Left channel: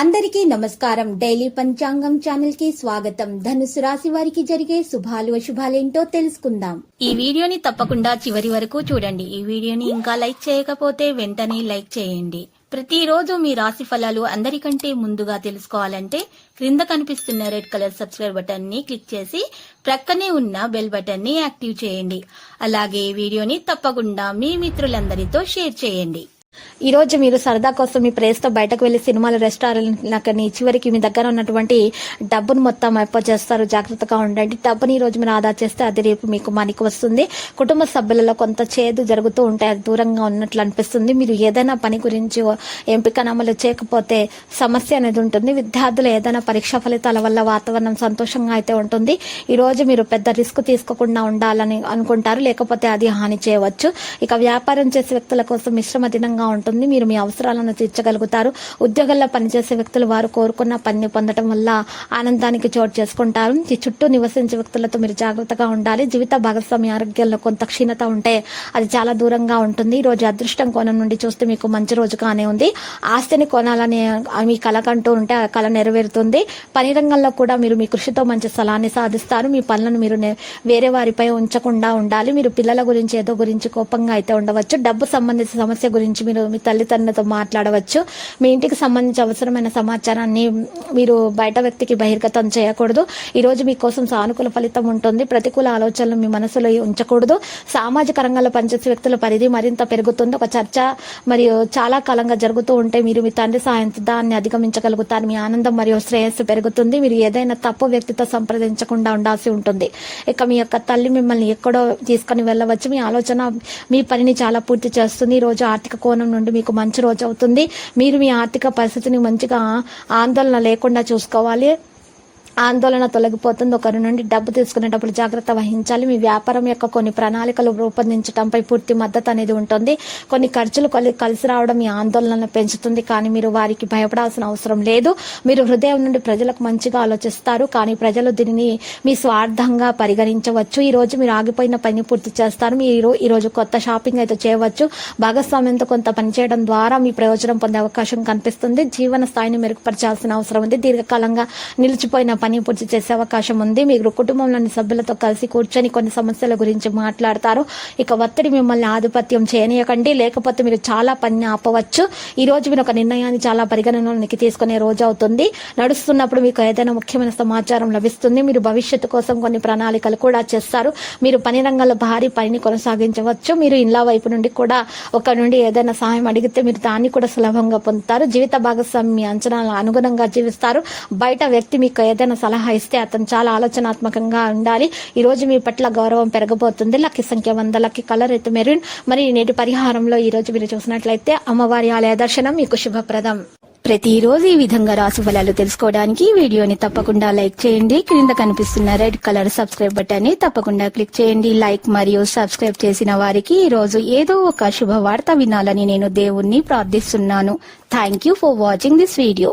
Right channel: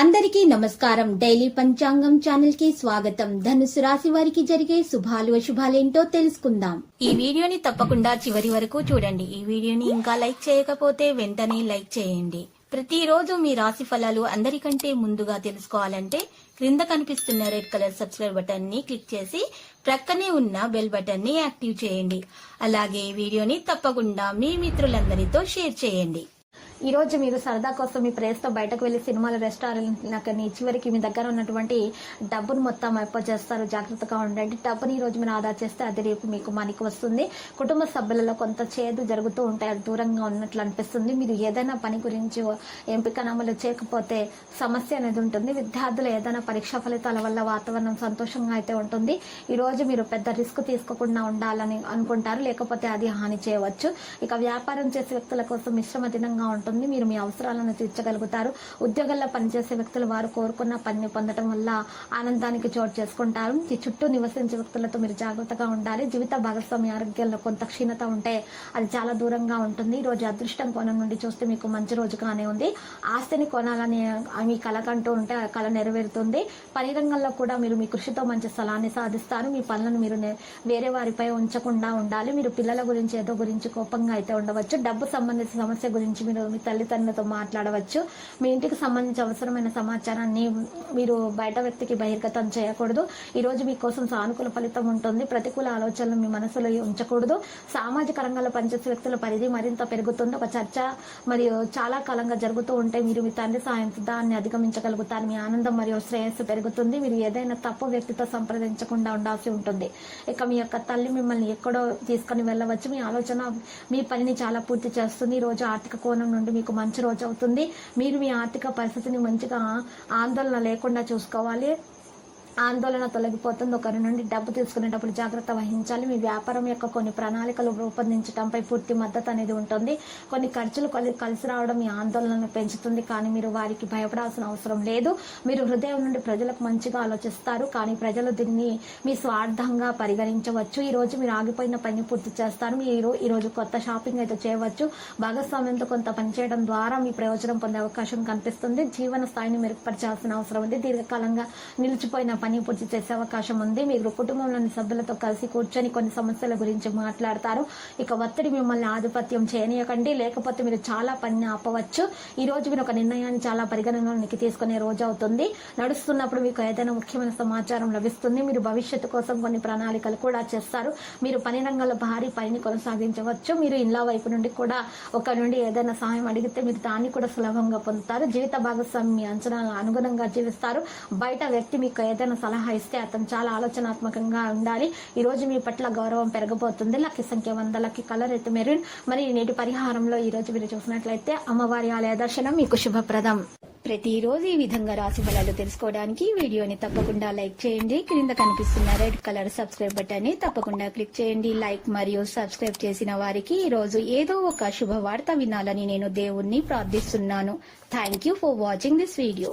అందరికీ నమస్కారం. డైలీ పంచాంగం ఛానల్ కి స్వాగతం. ధనుసు రాశి వారికి జరిగే శుభాలు అశుభాలేంటో తెలుసుకుందాం. ఈ వీడియోని తప్పకుండా చివరి వరకు చూడండి. ఈ వీడియోని ఇంకా లైక్ చేయకపోతే వెంటనే లైక్ చేయండి. ప్రతిరోజు మీ రాశి ఫలాలు అందరికంటే ముందుగా తెలుసుకోవాలంటే క్రింద కనిపిస్తున్న రెడ్ కలర్ సబ్స్క్రైబ్ బటన్ ని క్లిక్ చేసి ప్రక్కనే ఉన్న బెల్ బటన్ ని యాక్టివ్ చేయండి. అలాగే వీడియోని తప్పకుండా మీ మిత్రులందరితో షేర్ చేయండి. ఈ రోజు మీరు సరదా కోసం మీ ప్రేస్తో బయటకు వెళ్లి సినిమాలు, రెస్టారెంట్లకని చివరికి మీ దగ్గర ఉన్నటువంటి డబ్బును మొత్తం చేస్తారు. జాగ్రత్తగా ఉండండి. డబ్బుని ఈ రోజు మీరు ఆదా చేస్తే అది రేపు మీకు మనకి వస్తుంది. కుటుంబ సభ్యులలో కొంత చేదు జరుగుతూ ఉంటాయి, అది దూరంగా ఉన్నట్లు అనిపిస్తుంది. మీరు ఏదైనా పని గురించి ఎంపికను అమలు చేయకపోతే సమస్య అనేది ఉంటుంది. విద్యార్థులు ఏదైనా పరీక్షా ఫలితాల వల్ల వాతావరణం సంతోషంగా అయితే ఉంటుంది. ఈ రోజు మీరు పెద్ద రిస్క్ తీసుకోకుండా ఉండాలని అనుకుంటారు, లేకపోతే అది హాని చేయవచ్చు. ఇక వ్యాపారం చేసే వ్యక్తుల కోసం మిశ్రమ దినంగా ఉంటుంది. మీరు మీ అవసరాలను తీర్చగలుగుతారు. ఉద్యోగాల్లో పనిచేసే వ్యక్తులు వారు కోరుకున్న పనిని పొందడం వల్ల ఆనందానికి చోటు చేసుకుంటారు. ఈ చుట్టూ నివసించే వ్యక్తులతో మీరు జాగ్రత్తగా ఉండాలి. జీవిత భాగస్వామి ఆరోగ్యంలో కొంత క్షీణత ఉంటే అది చాలా దూరంగా ఉంటుంది. ఈ రోజు అదృష్టం కోణం నుండి చూస్తే మీకు మంచి రోజుగానే ఉంది. ఆస్తిని కొనాలని మీ కలకంటూ ఉంటే ఆ కళ నెరవేరుతుంది. పని రంగంలో కూడా మీరు మీ కృషితో మంచి స్థలాన్ని సాధిస్తారు. మీ పనులను మీరు వేరే వారిపై ఉంచకుండా ఉండాలి. మీరు పిల్లల గురించి ఏదో గురించి కోపంగా అయితే ఉండవచ్చు. డబ్బు సంబంధించిన సమస్య గురించి మీరు మీ తల్లిదండ్రులతో మాట్లాడవచ్చు. మీ ఇంటికి సంబంధించి అవసరమైన సమాచారాన్ని మీరు బయట వ్యక్తికి బహిర్గతం చేయకూడదు. ఈ రోజు మీకోసం సానుకూల ఫలితం ఉంటుంది. ప్రతికూల ఆలోచనలు మీ మనసులో ఉంచకూడదు. సామాజిక రంగంలో పనిచేసే వ్యక్తుల పరిధి మరింత పెరుగుతుంది. ఒక చర్చ మరియు చాలా కాలంగా జరుగుతూ ఉంటే మీరు మీ తండ్రి సాయంతో దాన్ని అధిగమించగలుగుతారు. మీ ఆనందం మరియు శ్రేయస్సు పెరుగుతుంది. మీరు ఏదైనా తప్పు వ్యక్తితో సంప్రదించకుండా ఉండాల్సి ఉంటుంది. ఇక మీ యొక్క తల్లి మిమ్మల్ని ఎక్కడో తీసుకుని వెళ్ళవచ్చు. మీ ఆలోచన మీ పనిని చాలా పూర్తి చేస్తుంది. ఈ రోజు ఆర్థిక కోణం నుండి మీకు మంచి రోజు అవుతుంది. మీరు మీ ఆర్థిక పరిస్థితిని మంచిగా ఆందోళన లేకుండా చూసుకోవాలి. ఆందోళన తొలగిపోతుంది. ఒకరి నుండి డబ్బు తీసుకునేటప్పుడు జాగ్రత్త వహించాలి. మీ వ్యాపారం యొక్క కొన్ని ప్రణాళికలు రూపొందించడంపై పూర్తి మద్దతు అనేది ఉంటుంది. కొన్ని ఖర్చులు కలిసి రావడం మీ ఆందోళనను పెంచుతుంది, కానీ మీరు వారికి భయపడాల్సిన అవసరం లేదు. మీరు హృదయం నుండి ప్రజలకు మంచిగా ఆలోచిస్తారు, కానీ ప్రజలు దీనిని మీ స్వార్థంగా పరిగణించవచ్చు. ఈ రోజు మీరు ఆగిపోయిన పని పూర్తి చేస్తారు. మీరు ఈ రోజు కొత్త షాపింగ్ అయితే చేయవచ్చు. భాగస్వామ్యంతో కొంత పని చేయడం ద్వారా మీ ప్రయోజనం పొందే అవకాశం కనిపిస్తుంది. జీవన స్థాయిని మెరుగుపరచాల్సిన అవసరం ఉంది. దీర్ఘకాలంగా నిలిచిపోయిన పని పూర్తి చేసే అవకాశం ఉంది. మీరు కుటుంబంలోని సభ్యులతో కలిసి కూర్చొని కొన్ని సమస్యల గురించి మాట్లాడతారు. ఇక ఒత్తిడి మిమ్మల్ని ఆధిపత్యం చేయనీయకండి, లేకపోతే మీరు చాలా పని ఆపవచ్చు. ఈ రోజు మీరు ఒక నిర్ణయాన్ని చాలా పరిగణనలోకి తీసుకునే రోజు అవుతుంది. నడుస్తున్నప్పుడు మీకు ఏదైనా ముఖ్యమైన సమాచారం లభిస్తుంది. మీరు భవిష్యత్తు కోసం కొన్ని ప్రణాళికలు కూడా చేస్తారు. మీరు పని రంగంలో భారీ పనిని కొనసాగించవచ్చు. మీరు ఇళ్ళ వైపు నుండి కూడా ఒక నుండి ఏదైనా సహాయం అడిగితే మీరు దాన్ని కూడా సులభంగా పొందుతారు. జీవిత భాగస్వామి మీ అంచనాలకు అనుగుణంగా జీవిస్తారు. బయట వ్యక్తి మీకు ఏదైనా సలహా ఇస్తే అతను చాలా ఆలోచనాత్మకంగా ఉండాలి. ఈ రోజు మీ పట్ల గౌరవం పెరగబోతుంది. లక్కీ సంఖ్య 100, లక్కీ కలర్ అయితే మెరూన్. మరి నేటి పరిహారంలో ఈ రోజు మీరు చూసినట్లయితే అమ్మవారి ఆలయ దర్శనం మీకు శుభప్రదం. ప్రతిరోజు ఈ విధంగా రాశి ఫలాలు తెలుసుకోవడానికి వీడియోని తప్పకుండా లైక్ చేయండి. క్రింద కనిపిస్తున్న రెడ్ కలర్ సబ్స్క్రైబ్ బటన్ ని తప్పకుండా క్లిక్ చేయండి. లైక్ మరియు సబ్స్క్రైబ్ చేసిన వారికి ఈ రోజు ఏదో ఒక శుభవార్త వినాలని నేను దేవుణ్ణి ప్రార్థిస్తున్నాను. Thank you for watching this video.